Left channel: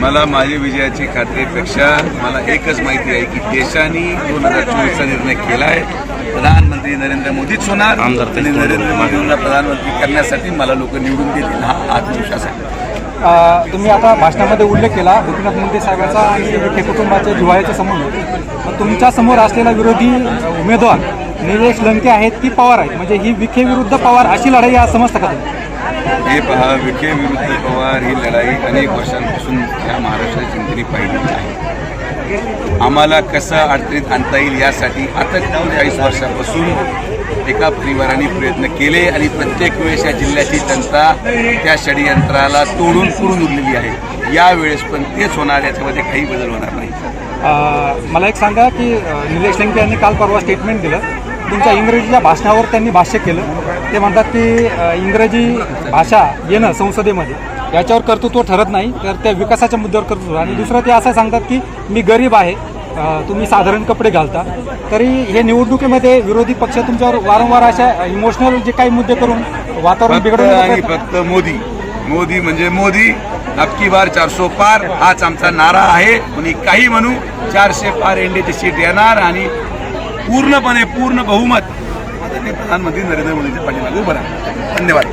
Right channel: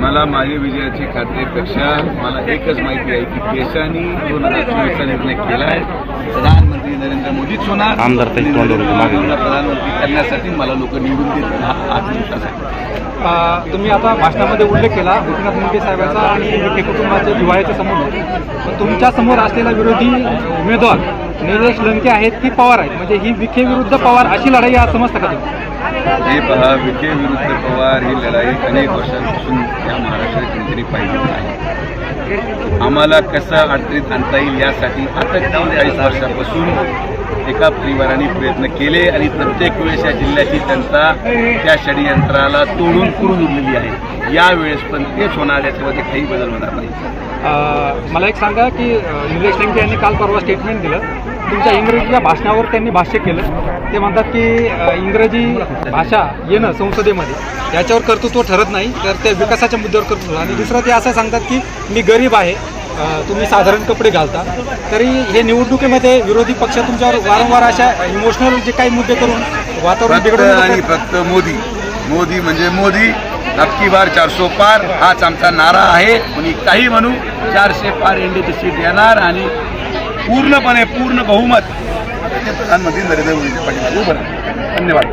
मला माझ्या विजयाची खात्रीपेक्षा मला एकच माहिती आहे की देशाने 2024चा निर्णय केला आहे. प्रधानमंत्री नरेंद्र मोदीच होणार आणि नरेंद्र मोदींना प्रधानमंत्री करण्यासाठी मला लोक निवडून देतील हा आत्मविश्वास आहे. तुम्ही आता भाषणामध्ये उल्लेख केला गोपीनाथ मुंडे साहेबांचा आणि विखे कुटुंबाच्या जिव्हाळ्याचा संबंध. तुमच्या समोर असलेला विरोधी उमेदवार निलेश लंके आहेत की पवार आहेत, म्हणजे ही विखे विरुद्ध पवार अशी लढाई आज समजता का तुम्ही? हे पहा, विखे विरुद्ध पवार ही लढाई अनेक वर्षांपासून या महाराष्ट्राच्या जनतेने पाहिली आहे. आम्हाला कसं अडचणीत आणता येईल यासाठी आता 40 वर्षापासून एका परिवाराने प्रयत्न केले आणि प्रत्येक वेळेस या जिल्ह्याची जनता त्या षडयंत्राला तोडून उरलेली आहे. यावेळेस पण तेच होणार, याच्यामध्ये काही बदल होणार नाही. मला एक सांगा की निलेश लंके यांनी काल परवा स्टेटमेंट दिलं, तुमच्या इंग्रजीच्या भाषणावर त्यांनी भाष्य केलं. ते म्हणतात की इंग्रजी भाषा येणं संसदेमध्ये याच्यावर कर्तृत्व ठरत नाही, तर त्या विकासाच्या मुद्द्यावर कर्तृत्व. आणि दुसरं ते असं सांगतात की मी गरीब आहे, तुम्ही साधारण कपडे घालता, तरी हे निवडणुकीमध्ये विरोधी पक्ष तुमच्यावर वारंवार अशा इमोशनल जे काही मुद्दे करून वातावरण बिघडवून. आणि फक्त मोदी म्हणजे मोदी, अबकी बार 400 पार हाच आमचा नारा आहे. कोणी काही म्हणू, 400 पार एनडीची सीट येणार आणि पूर्ण बहुमत प्रधानमंत्री नरेंद्र मोदींच्या पाठीमागे उभं राहणार. धन्यवाद.